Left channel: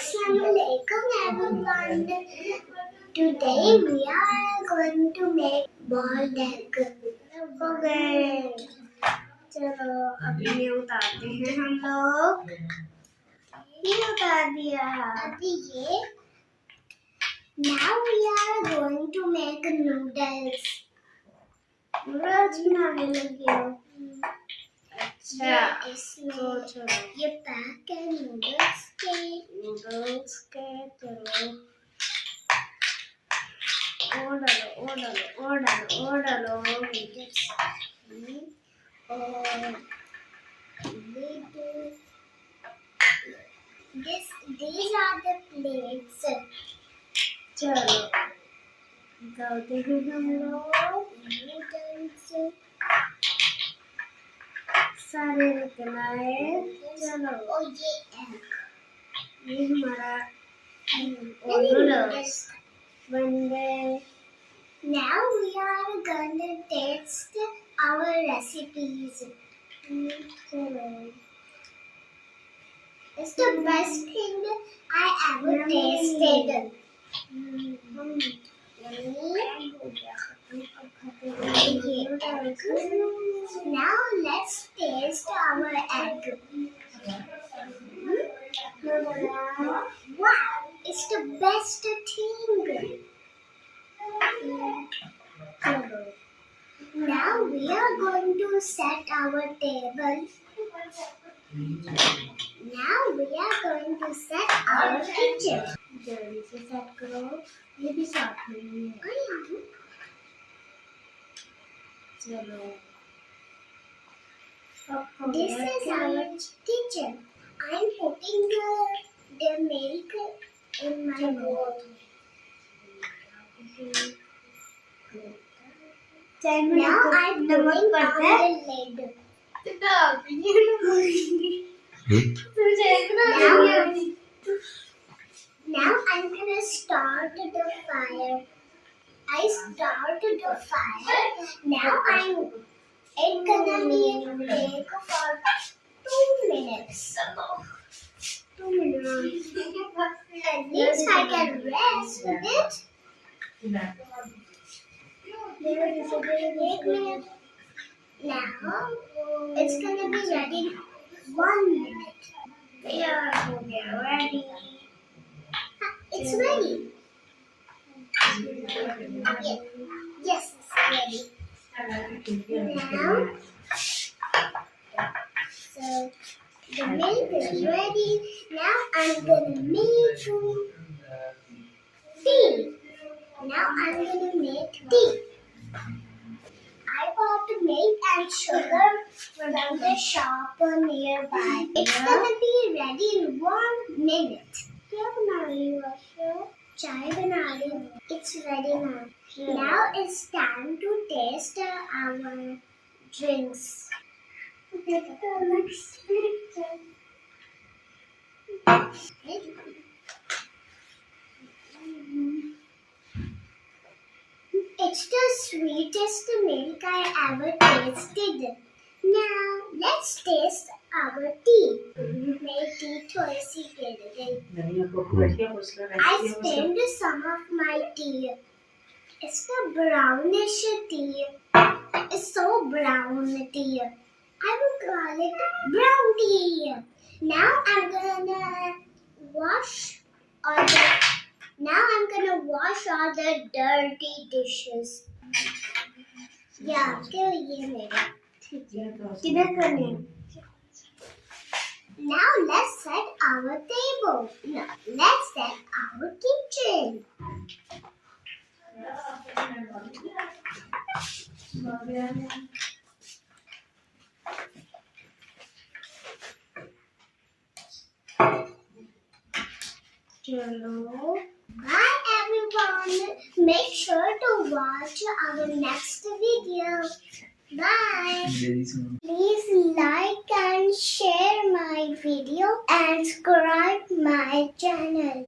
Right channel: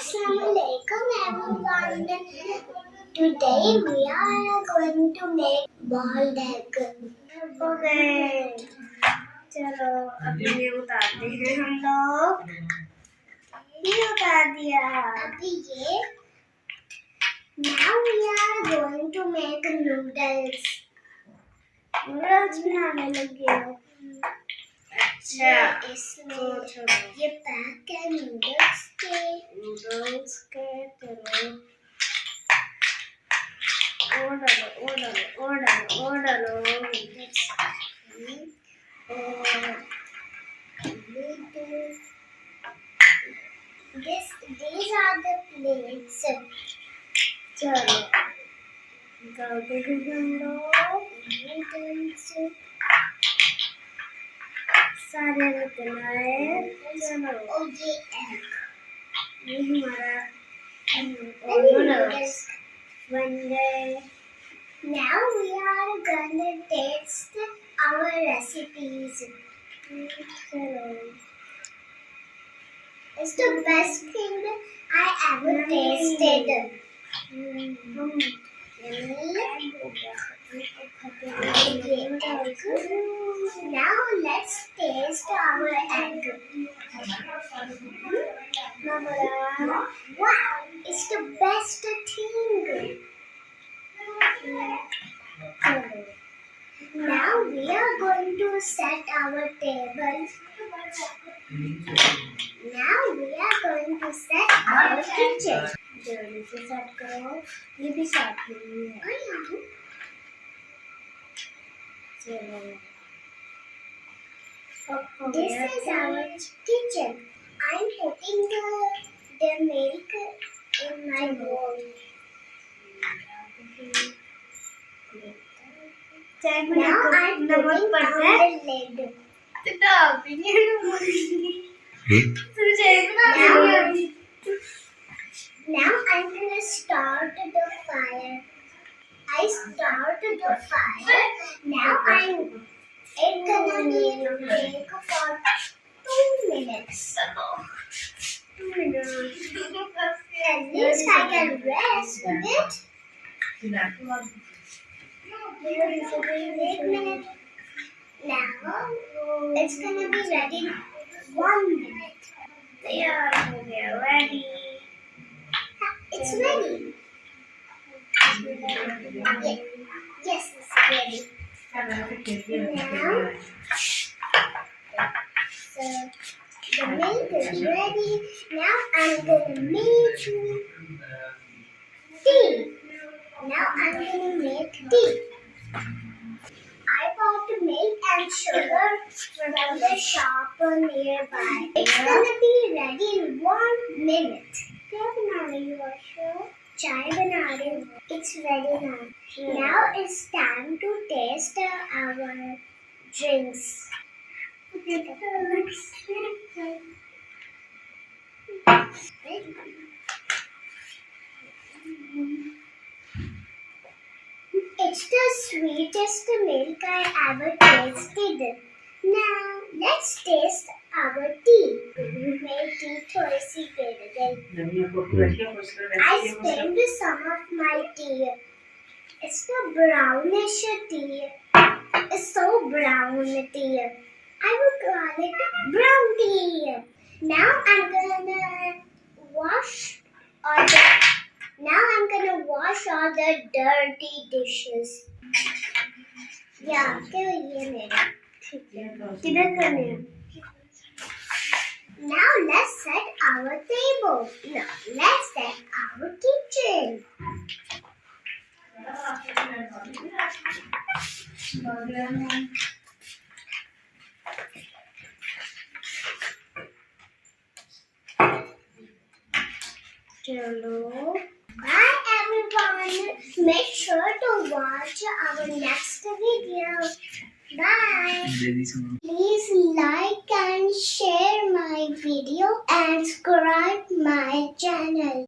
Assalamualaikum everyone. Today we are going to make boiled egg. Okay. चलो अभी ये उतारते हैं हम लोग. ये उतार दिया. अभी ये. Now we are going to make noodles. Noodles बनाने लगे हो. अच्छा इसमें ये पैक है नूडल्स के चलो और डालो नूडल्स और these are the plates. चलो डालते हैं हम लोग नूडल्स सारे रखना है. चलो और ये एग ये हमारा नूडल्स बन गए. Now we are gonna taste our recipes. चलो it's the best thing I ever tasted. Now let's taste our egg. Wow, it's the best thing. Now we are going to set our table. Now we are going to set our kitchen. जल्दी से set करो. ये भी साथ में ही है. चलो. This is our kitchen. I'm putting the milk in my bowl. Now I'm putting on the lid. Now I'm gonna start the fire. I started the fire. Now it's gonna be bake for 2 minutes. 2 minutes. At least I can rest a bit. 1 minute. Now it's gonna be ready 1 minute. There, ready. It's ready. Yes, it's ready. Now, so the milk is ready. Now I'm gonna make tea. Now I'm gonna make tea. I bought milk and sugar from the shop nearby. It's gonna be ready in 1 minute. क्या बना रही हो आशा? चाय बना रही हूँ. It's ready now. Now it's time to taste our drinks. It's the sweetest milk I ever tasted. Now let's taste our tea. मेरी T थोड़ी सी गिर गई. I spilled some of my tea. It's the brownish tea. It's so brown tea. I will call it brown tea. Now I'm gonna wash all the dirty dishes. Yeah, क्या ये मेरा. किधर करने हैं? Now let's set our table. No, let's set our kitchen. Chalo. Bye everyone. Make sure to watch our next video. Bye. Please like and share my video and subscribe my channel.